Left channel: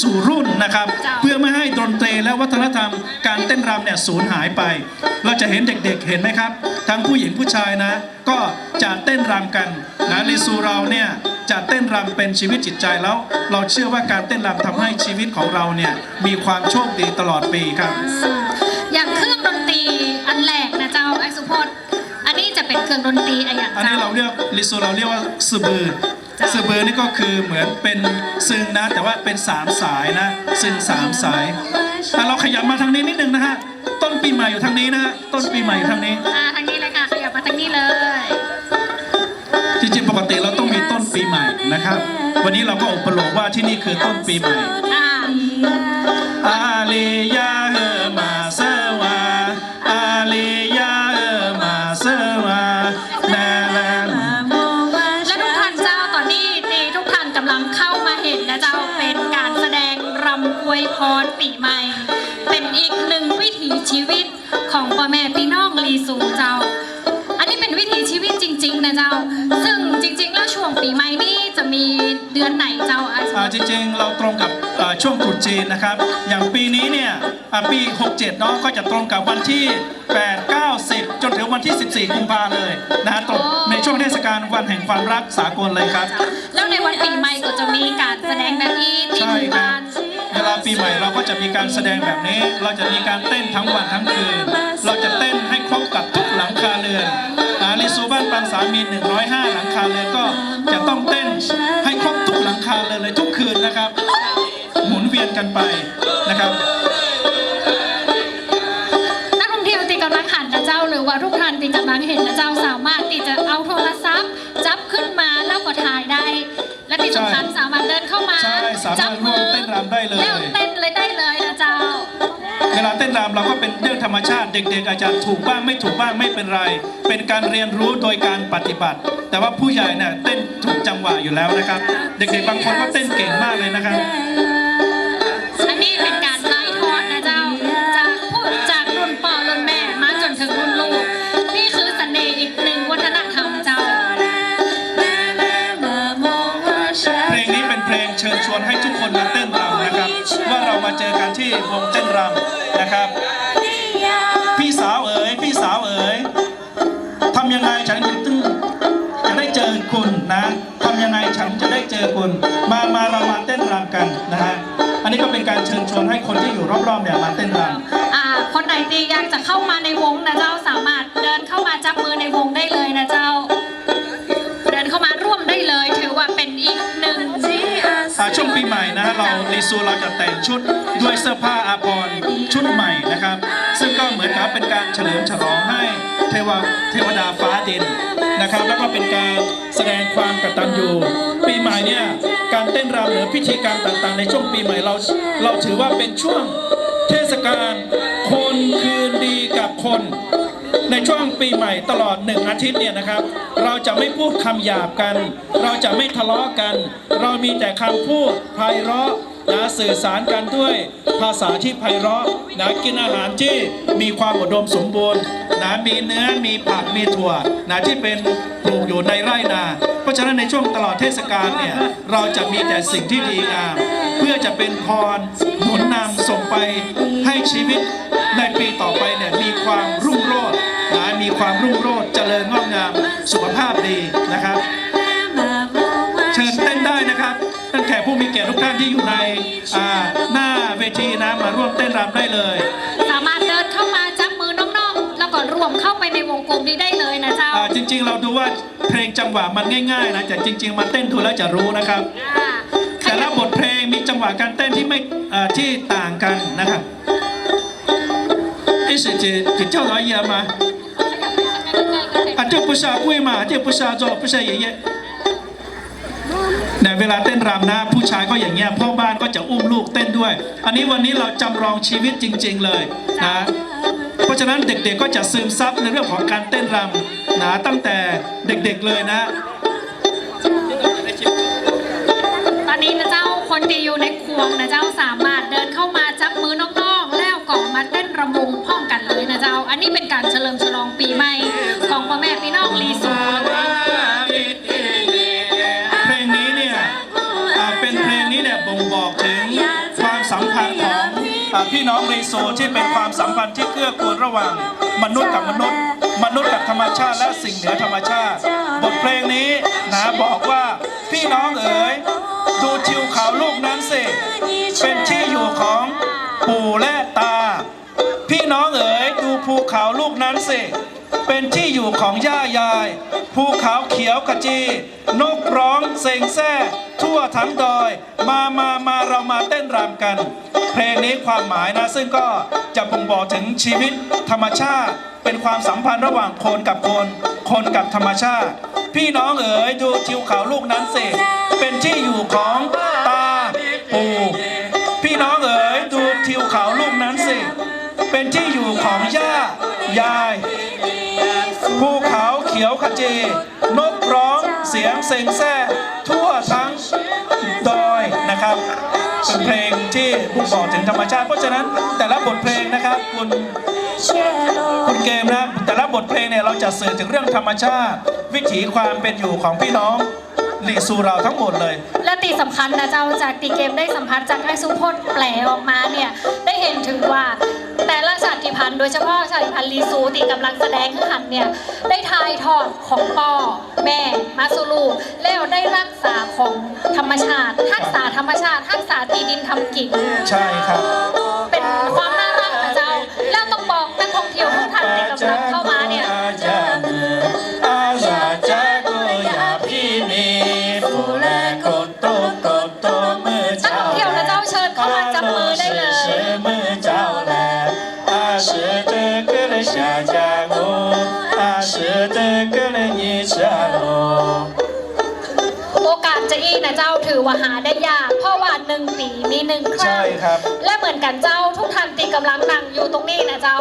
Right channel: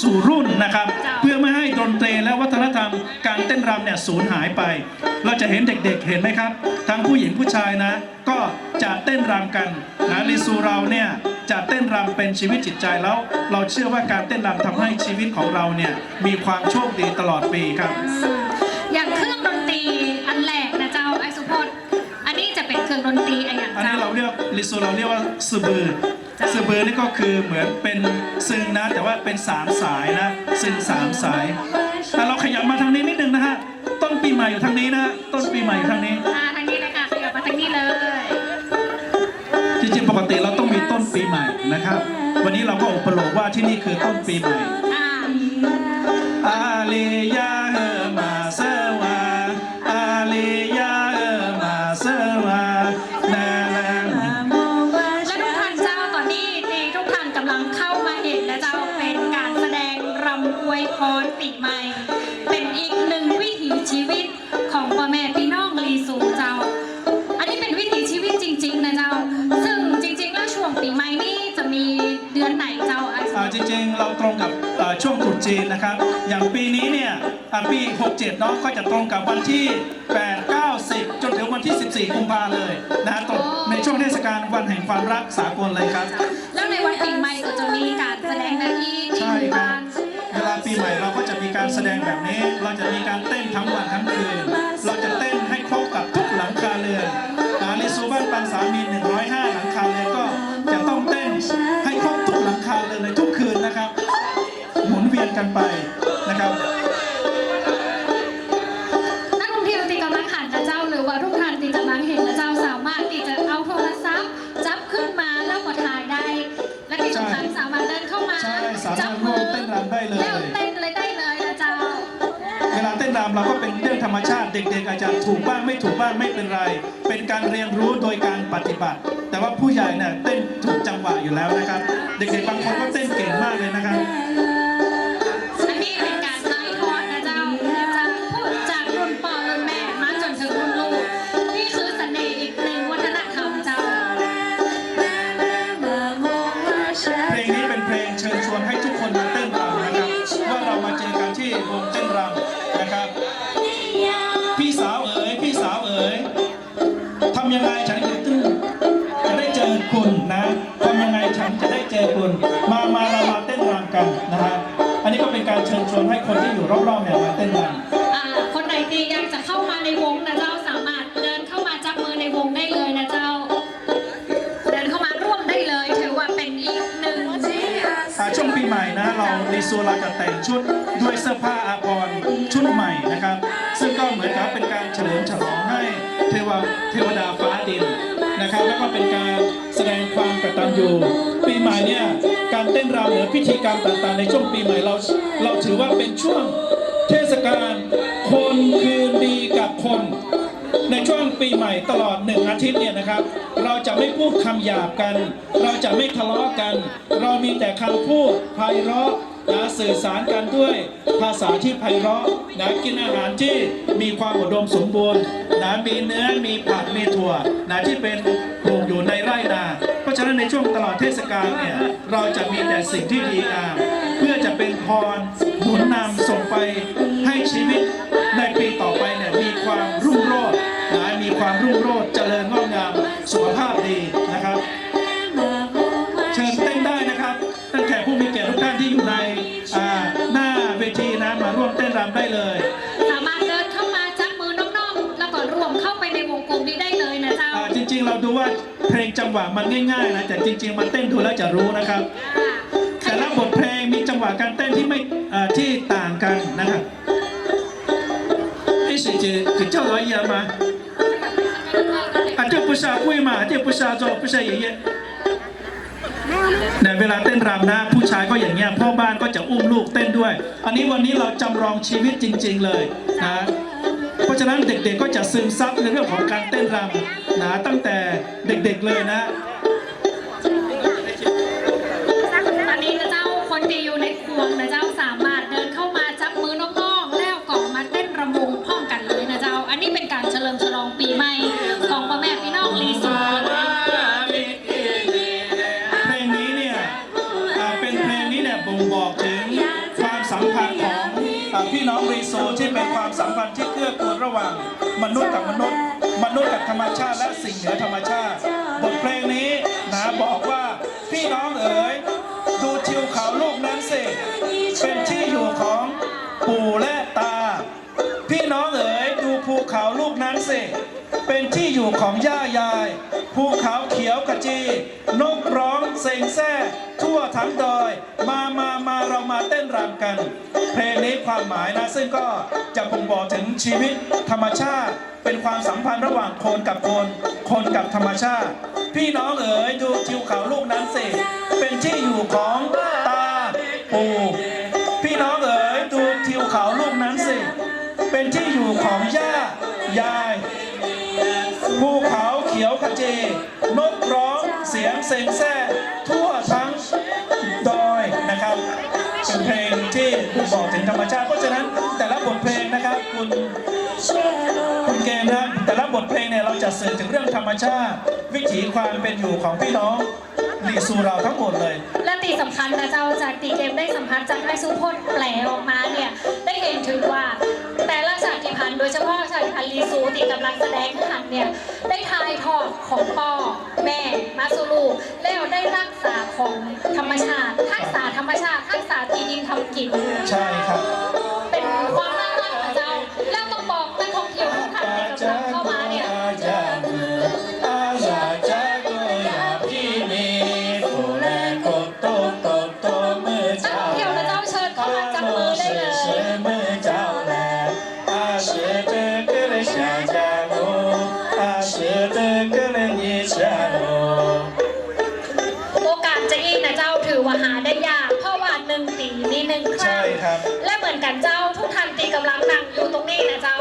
สู่รุ่นนะครับเจ้าเพื่อไม่ให้ดนตรีและวัฒนธรรมการเต้นรำเนี่ยสูญหายไป เราจะเห็นเด็กๆเห็นไหมครับ ทั้งผู้หญิงผู้ชายนะ ก็จะเต้นรำกันนะลิซูเราเนี่ยจะเต้นรำเป็นชีวิตจิตใจแล้ว เราเชื่อว่าการเต้นรำทำให้ชีวิตของเราเนี่ยมีความโชคดีตลอดปีครับ อย่างเครื่องดนตรีอันแรกนะเจ้าไอสุพจน์อันนี้จะเป็นเครื่องดนตรีอะไรอย่างอันนี้เจ้าเราเรียกลิซูเราเรียกว่าซือบือ จ้ะซือบือนี่ก็คือเหมือนเป็นซึงนะ แต่ว่าเป็นสามสายนะซึงสามสายแต่เราขยับมาทางนี้นิดนึงนะฮะต้นปีใหม่อยู่ทางนี้นะฮะต้นปีใหม่อยู่ทางนี้อ่าทางนี้เลยค่ะขยับมาทางนี้เลย จริงๆปกติเราต้องมีต้นปีใหม่นะครับ วันนี้เราก็อุปโลกว่าที่นี่คือต้นปีใหม่ อ่า อาลียาเออมา จีนนะครับ อย่างปีนี้เนี่ยอ่าปี 67 เนาะก็จะตรงกับวันที่ 8 9 10 จนถึงวันที่ 14 กุมภาเลยนะฮะตรงในช่วงเทศกาลวันแห่งความรักสากลเลยครับ แล้วในวันปีใหม่ก็จะมีการแสดงแบบนี้ที่ใช่หมู่ครับบ้านเวลาปีใหม่เราก็จะมีการแสดงแบบนี้ เราจะมีการเต้นทั้งวันทั้งคืน เราจะเต้นให้ครบกับทุกหลังคาเรือนอาลิซูบ้านปังสามี 105 หลังคาเรือนก็จะต้องเต้นให้ครบทุกหลังคาเรือนเลยทุกคืน กันไปนะครับนักท่องเที่ยวที่กำลังหันนะเจ้า หรือว่าทุกท่านที่กำลังเห็นนะเจ้าสามารถที่จะเอาโทรศัพท์ จับขึ้นมาแล้วก็ถ่ายได้ และที่สำคัญสามารถเดินเข้ามาใช่สามารถจับมือร่วมเต้นรำได้เลยแล้วเต้นเลยได้เลยนะเจ้าเวลาเต้นรำเราก็เป็นเรื่องธรรมชาติเด็กๆอาจจะถูกบ้างไม่ถูกบ้างไม่เป็นไร เป็นการเรียนรู้โดยการปฏิบัติ แต่ว่าผู้ใหญ่เนี่ยเต้นถูกจังหวะอยู่แล้วนะครับ เด็กๆบางคนก็เต้นเก่งมากเลยนะครับ เต้นรำนะครับ พี่สาวเอ๋ยพี่สาวเอ๋ยทำยังไงฉันจะตึ้งจะได้เจอคุณนะทำยังไงฉันจะได้เจอคุณ มามาเรามาเต้นรำกันนะฮะอันนี้ก็เป็นการเชิญชวนให้คนที่อยู่รอบๆเนี่ยมาเต้นรำอ่าคนไหนตีอยากจะเข้ามาในวง เรารีซูเราจะแต่งชุดด้วยเสื้อผ้าอาภรณ์ชุดใหม่นะครับ ซึ่งก็เหมือนกับเป็นการเฉลิมฉลองให้เทวเทวดาฟ้าดินนะครับ แล้วก็เป็นการแสดงความกตัญญูปีใหม่เนี่ยการเต้นรำหรือพิธีกรรมต่างๆ ในช่วงปีใหม่เราเราถือว่าเป็นช่วงเทศกาล ปีใหม่ตลอดหนึ่งอาทิตย์เนี่ยนะครับ เราจะไม่พูดคำหยาบกัน เราจะไม่ทะเลาะกัน เรามีแต่คำพูดไพเราะนะสื่อสารกันด้วยภาษาที่ไพเราะนะกินอาหารที่มีความอุดมสมบูรณ์นะมีเนื้อมีผักมีถั่วนะที่เป็นปลูกอยู่ในไร่นา เพราะฉะนั้นในช่วงตลอดเทศกาลเนี่ยเราจะมีแต่สิ่งที่ดีงามเพื่อจะเป็นพรหนุนนำส่งไปให้ชีวิต สุขภาพดีนะครับ เชิญเต้นได้นะครับตั้งแต่ผู้มีเกียรติทุกท่านที่อยู่ในหน้าเวทีนะมาร่วมเต้นรำได้เลยสามารถเดินเข้ามาจับมือน้องๆ แล้วก็รวมเข้าไปในวงกลมนี้ได้เลยนะเจ้าจริง ๆ เราดูว่าเพลงจังหวะมันง่ายๆนะแต่จริง ๆ มันเต้นทุนแล้วจะรู้นะครับแต่ละบทเพลงมีจังหวะการเต้นที่ไม่ที่ต่างกันนะครับไอ้เสจเจ้าร้อยเยอะมา 不是阿贵嘛，这不是阿周，不是爷爷。ในเวลาเต้นรำนะ ผู้ชายก็อย่างเงี้ยพ่อบ้านก็จะอุ้มลูกเต้นด้วย อันนี้วันนี้เราจำลองชีวิตจริง ๆ เลยนะเพราะฉะนั้นเด็กๆก็จะซึมซับในเรื่องของการเต้นรำนะตั้งแต่เด็กๆเลยนะ ตอนนี้นะเจ้าคนที่อยู่ในควงนะเจ้าสาม ม ระหว่างมนุษย์กับมนุษย์ มนุษย์กับธรรมชาติและสิ่งเหนือธรรมชาติ บทเพลงนี้นะบอกว่าพี่น้องเอ๋ยดูทิวเขาลูกนั้นสิเป็นที่อยู่ของปู่และตา พี่น้องเอ๋ยดูภูเขาลูกนั้นสิ เป็นที่อยู่ของย่ายาย ภูเขาเขียวขจี นกร้องเซ็งแซ่ทั่วทั้งดอย มามามาเรามาเต้นรำกัน เพลงนี้ความหมายนะ ซึ่งก็จะบ่งบอกถึงชีวิตธรรมชาติ เป็นความสัมพันธ์ระหว่างคนกับคน คนกับธรรมชาติ พี่น้องเอ๋ยดูทิวเขาลูกนั้นสิเป็นที่อยู่ของตาปู่พี่น้องเอ๋ยดูทิวเขาลูกนั้นสิเป็นที่อยู่ของย่ายาย จีนกร้องเสียงเซ็งแซ่ทั่วทั้งดอยนะครับเป็นเพลงที่บ่งบอกถึงธรรมชาติ เพราะฉะนั้นแต่ละบทเพลงนะครับคุณคุณเกมนะแต่ละบทเพลงเนี่ยเราจะสื่อถึงเรื่องธรรมชาติ วิถีความเป็นอยู่ของพี่น้อง ลีซูเราทั้งหมดเลย และตีสำคัญนะเจ้าจากตีเกมได้สัมผัสจากไอซูพจน์แปลออกมาเนี่ยได้เห็นถึงว่าแต่ละชาติพันธุ์โดยเฉพาะชาติพันธุ์ลีซูที่กำลังแสดงขึ้นหันเนี่ยได้ทายทอดของพ่อแม่มาซูลูแล้วได้รักษาของธรรมชาติทักษาธรรมชาติทักษาตีดินทำกิน ใช่ครับ จะอีนะเจ้าถือว่าหาได้ยาก เพราะว่าหนึ่งปีมีหนึ่งคใช่รั้งครับ และเหมือนกันเจ้าทุกท่านที่กำลังนั่งอยู่ตรงนี้นะเจ้า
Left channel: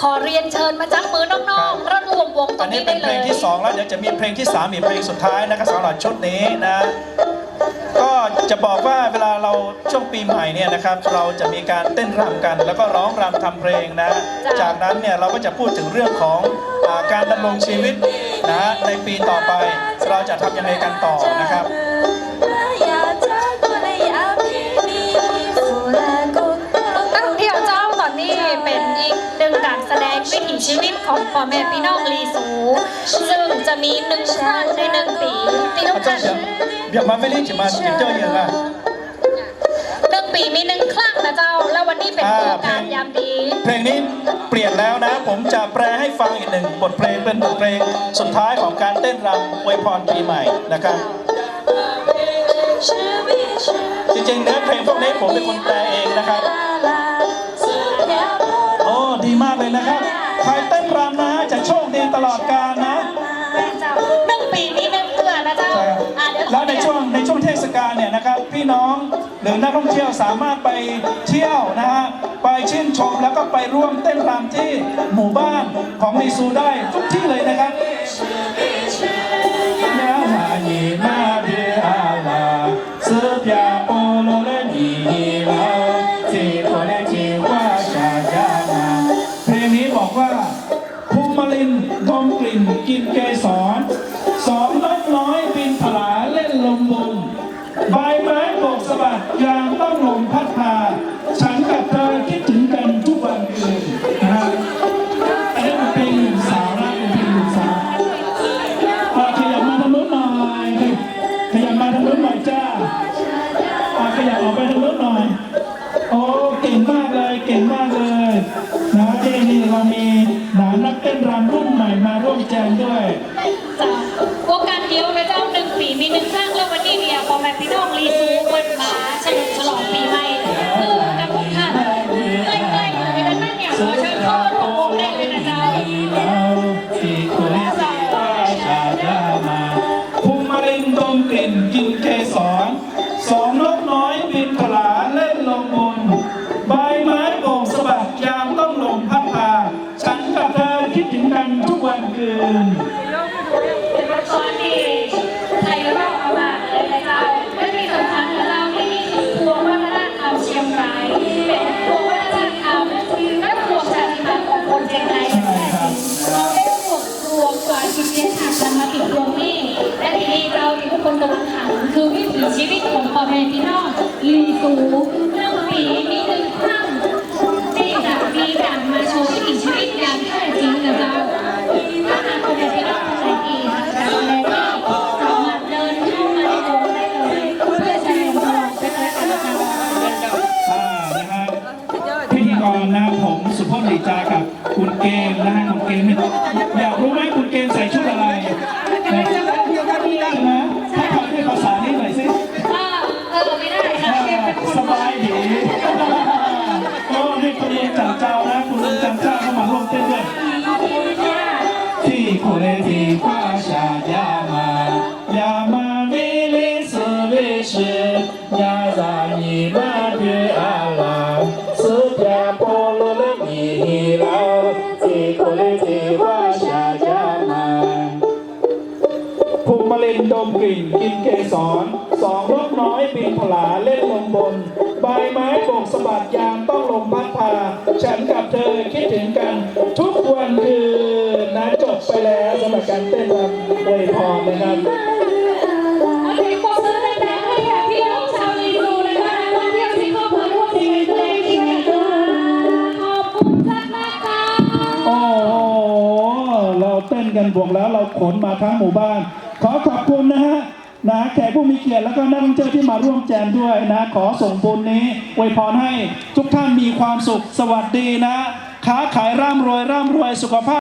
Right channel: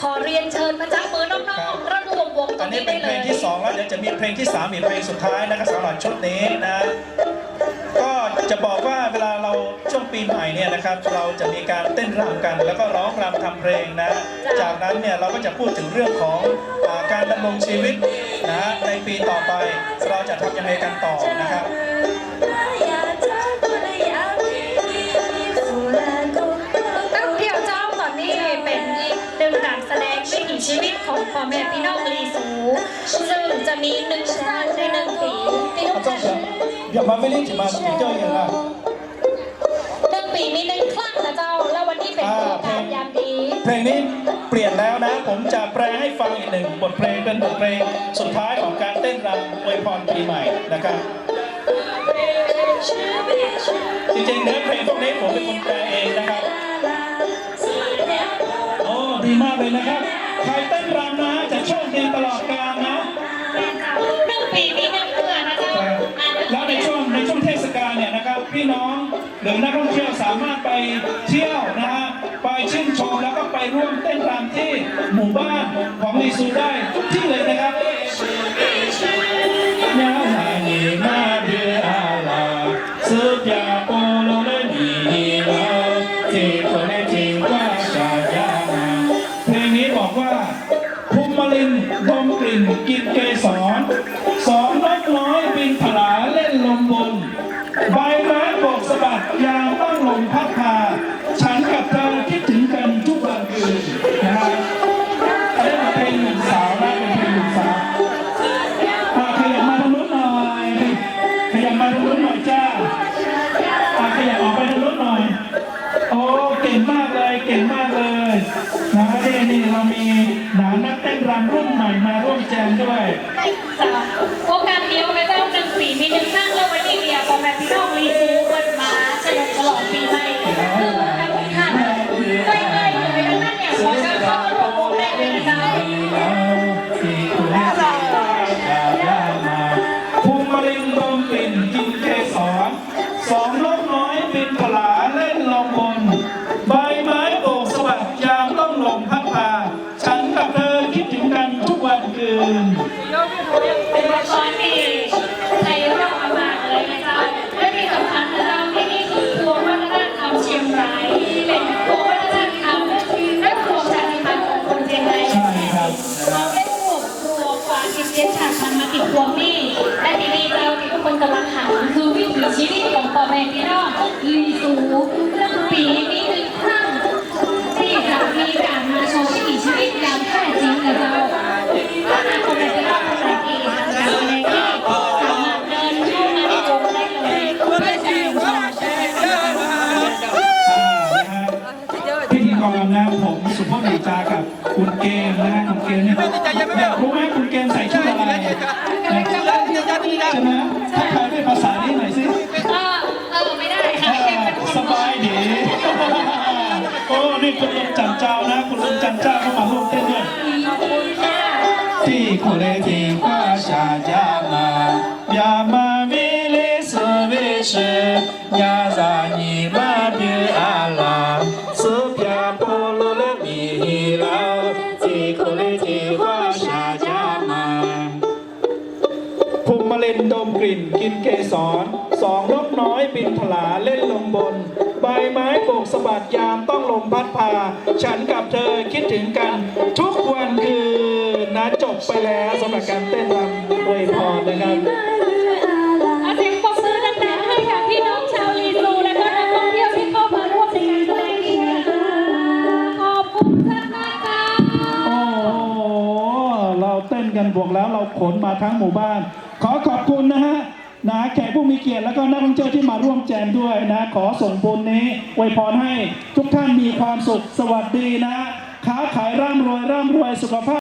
ขอเรียนเชิญมาจับมือน้องๆระรวมวงตรอันงนี้นี้เป็ได้นเลเพลงย ที่สองแล้วเดี๋ยวจะมีเพลงที่สามอีกเพลงสุดท้ายนะครับสำหรับชุดนี้นะ ก็จะบอกว่าเวลาเราช่วงปีใหม่เนี่ยนะครับ เราจะมีการเต้นรำกัน แล้วก็ร้องรำทำเพลงนะ จากนั้นเนี่ยเราก็จะพูดถึงเรื่องของอาการดำรงชีวิตนะในปีต่อไป เราจะทำยังไงกันต่อนะครับ ชีวิตของพ่อแม่พี่น้องลีสู ซึ่งจะมีหนึ่งครั้งในหนึ่งปีที่ทุกอาจารอย่ามาไม่รีบจะมาจิงเจ้าอย่างอะหนึ่งปีมีหนึ่งครั้งนะเจ้า แล้ววันนี้เป็นโอกาสยามดี เพลงนี้เปลี่ยนแล้วนะ ผมจะแปลให้ฟังอีกหนึ่งบทเพลงเป็นบทเพลงสุดท้ายของการเต้นรำอวยพรปีใหม่นะครับ จริงๆเนื้อเพลงพวกนี้ผมเป็นคนแปลเองนะครับ โอ้ดีมากเลยนะครับ ตลอดกาลนะ หนึ่งปีมีหนึ่งเดือนนะเจ้าอะเดี๋ยวแล้วในช่วงในช่วงเทศกาลเนี่ยนะครับ พี่น้องหรือนักท่องเที่ยวสามารถไปเที่ยวนะฮะไปชื่นชมแล้วก็ไปร่วมเต้นรำที่หมู่บ้านของลีซูได้ เรามีหนานักเต้นรำรุ่นใหม่มาร่วมแจมด้วยสา ที่ไทยเราเอามาเลยนะเจ้า และที่สำคัญนะเจ้านี่คือพวงวัฒนธรรมเชียงรายเป็นพวงวัฒนธรรมและพวงชาติพันธุ์ของคนเชียงรายใช่ครับเราได้รวบรวมความคิดเห็นทางธรรมะติดรวมนี่และทีนี้เราที่ทุกคนกำลังหาคือวิถีชีวิตของพ่อแม่พี่น้องลีสูหนึ่งปีดี โอ้นี่คุณลุงจันเจ้านะคุณลุงจันเจ้าเข้ามาร่วมเต้นด้วยที่โคเลทีว่าชายามายามาวิลิสวิชยาซานีมาบิอาลาสุพยาโพโลเลมีฮิลาที่โคเลทีว่าชายามาภูมิมะเร็งดมกลิ่นกินเกสรสองนกน้อยบินผลาเล่นลมบน ใบไม้โบกสะบัดยาม ฉันกับเธอคิดถึงกัน ทุกวันคืนนะจบไปแล้วสำหรับการเต้นรำอวยพรนะครับเสียงปรบมือดังๆให้กับพี่น้องชาวลีซูและก็นักท่องเที่ยวที่เข้ามาร่วมในการแสดงนี้นะคะขอบคุณมากมากๆค่ะโอ้โหเราเต้นกันบวกแล้วเราขนมาทั้งหมู่บ้าน ขอขอบคุณนะฮะ นะแขกผู้มีเกียรติแล้วก็นักท่องเที่ยวที่มาร่วมแจมด้วยนะขอส่งบุญนี้อวยพรให้ทุกท่านมีความสุขสวัสดีนะค้าขายร่ำรวยร่ำรวยสุขภาพ